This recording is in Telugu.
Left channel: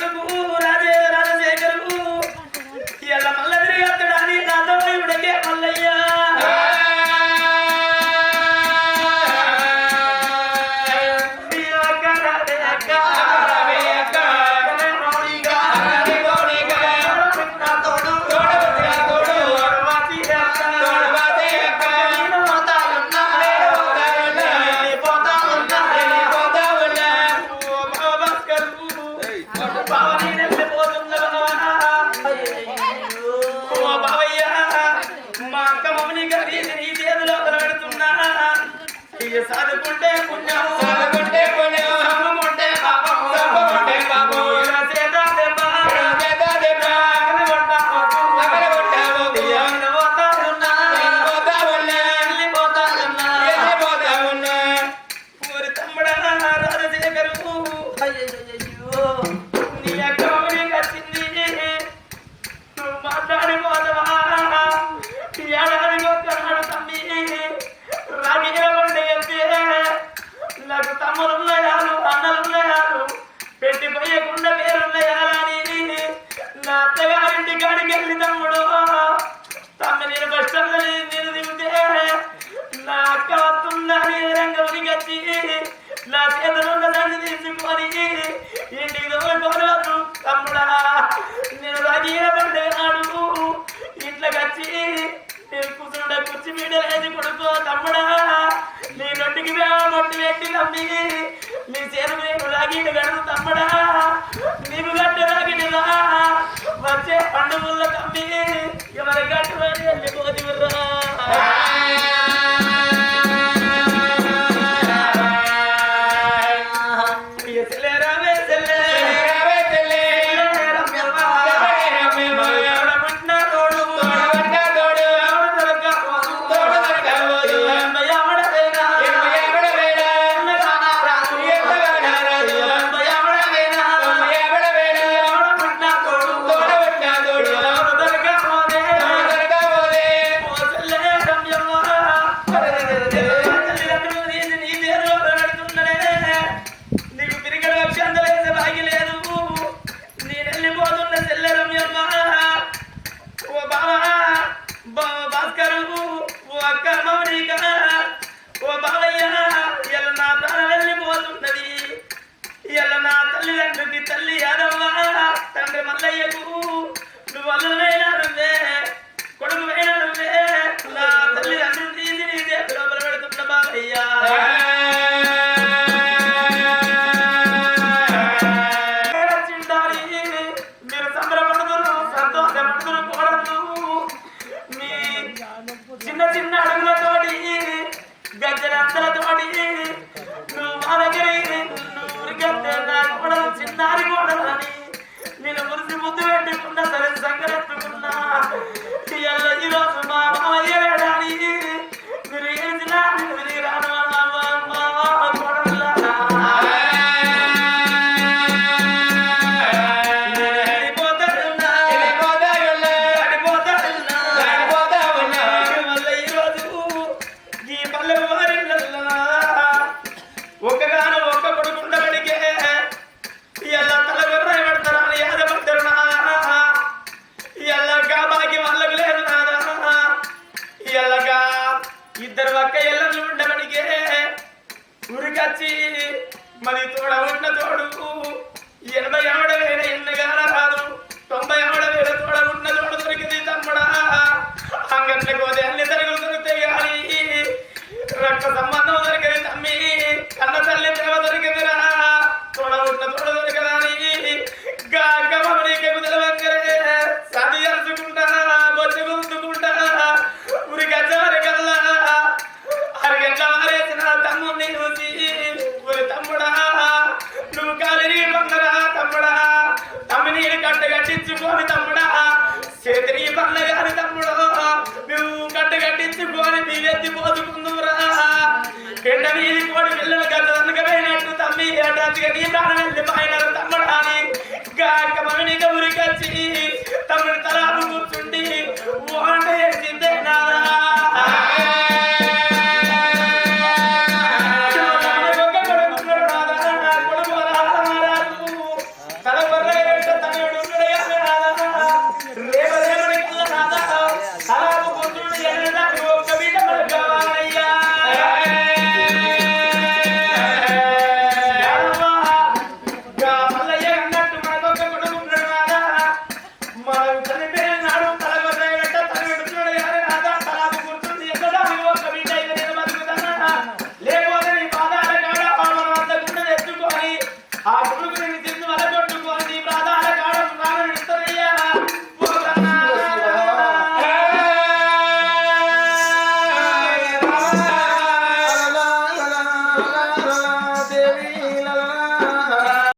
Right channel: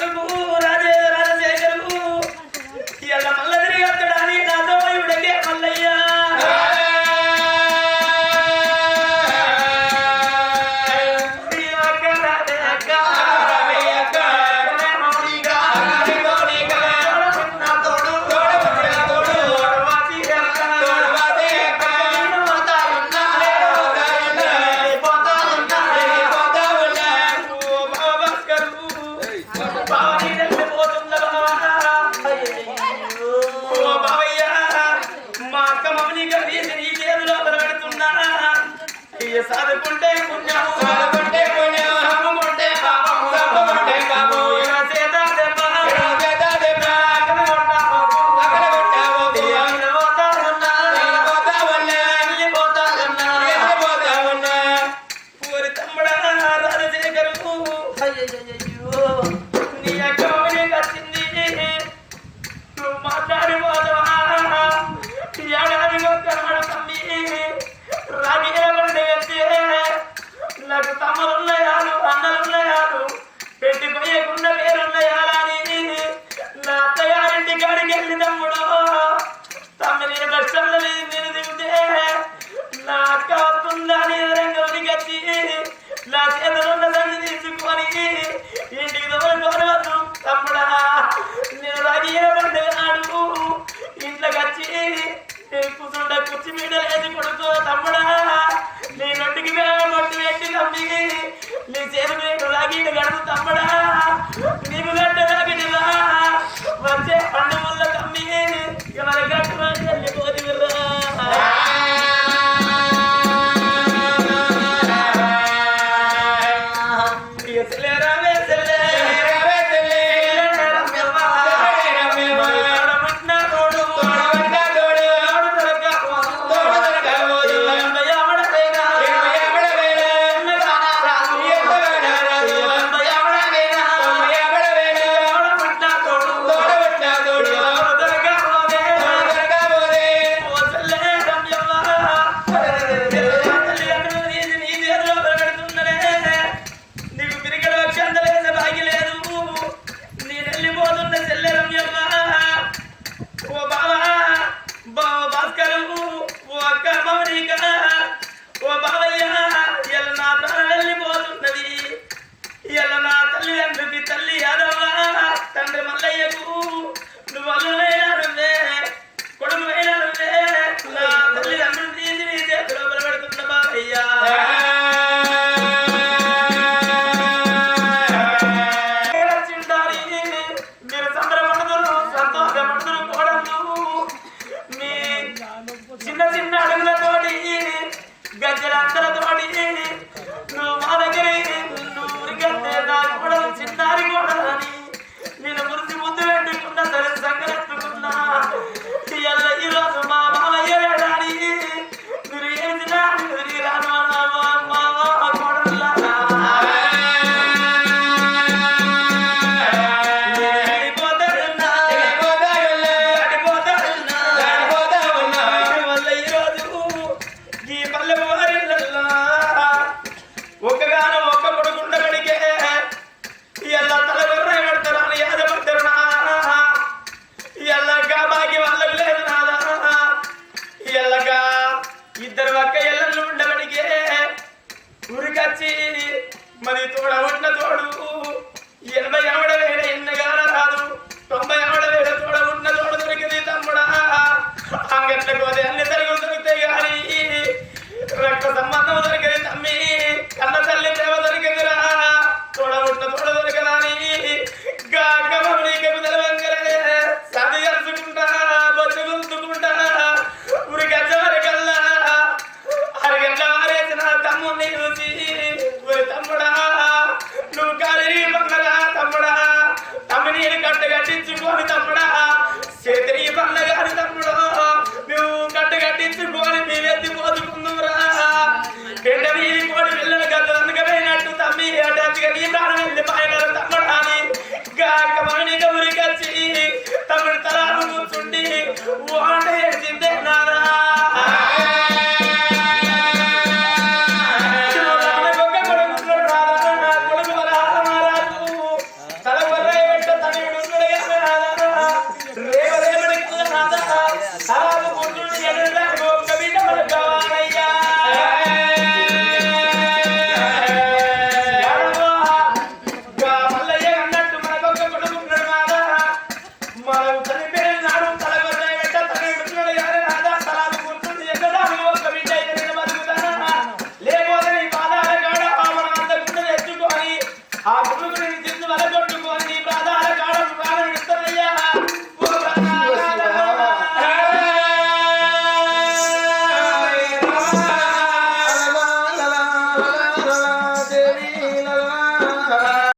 కడుపు బావని వెళ్ళిపోతున్నారు ఓ బావయ్య మా అక్క మౌని గారి నీ చేతిలో పెడుతున్నా సాధుకుంటే పుణ్యం సాధుకుంటే పుణ్యం సమ్మకుంటే పాపం సమ్మకుంటే పాపం ఇలా చేత దెబ్బ చేత దెబ్బ అక్కడ కొట్టావు అక్కడ కొట్టావు నేను పోతా ఉన్నా నేను పోతా ఉన్నా వెళ్ళిపోతా ఉన్నా వెళ్ళిపోతా ఉన్నా ఊరి తమ్ముడా రాజశేఖరు అయ్యో తమ్ముడా నేను రాగిన పండుగ నాడు ఇంట్లోకి వచ్చి నేను కూర్చుండ కుర్చీ మీద లేదు కొడుకో తమ్ముడా నీ తమ్మి నీ చేరు రాగిని గడుపు తమ్ముడా నీకు గడ్డ కట్టించుకోని తమ్ముడా. సేతనీ పళ్ళ గారి తమ్ముడు. నువ్వు కట్ట కట్టించుకోని నీవెత్తి పోతుకుందురా పిండ వీధి కోడి పిల్లలు గత తనకపోయినట్టు తమ్మి అంటే అందుకే నీ ప్రాణం వెళ్ళి పైన తమ్మి.